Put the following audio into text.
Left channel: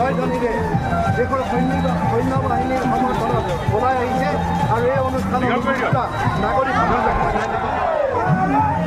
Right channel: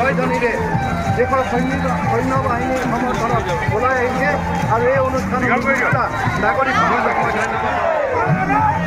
জয়ধ্বনিৰে দেশৰ সৈন্য বাহিনীৰ সমৰ্থনত ওলাই আহিছে আৰু এই অনুষ্ঠানত নাগৰিক সমাজক মই ধন্যবাদ জনাইছোঁ।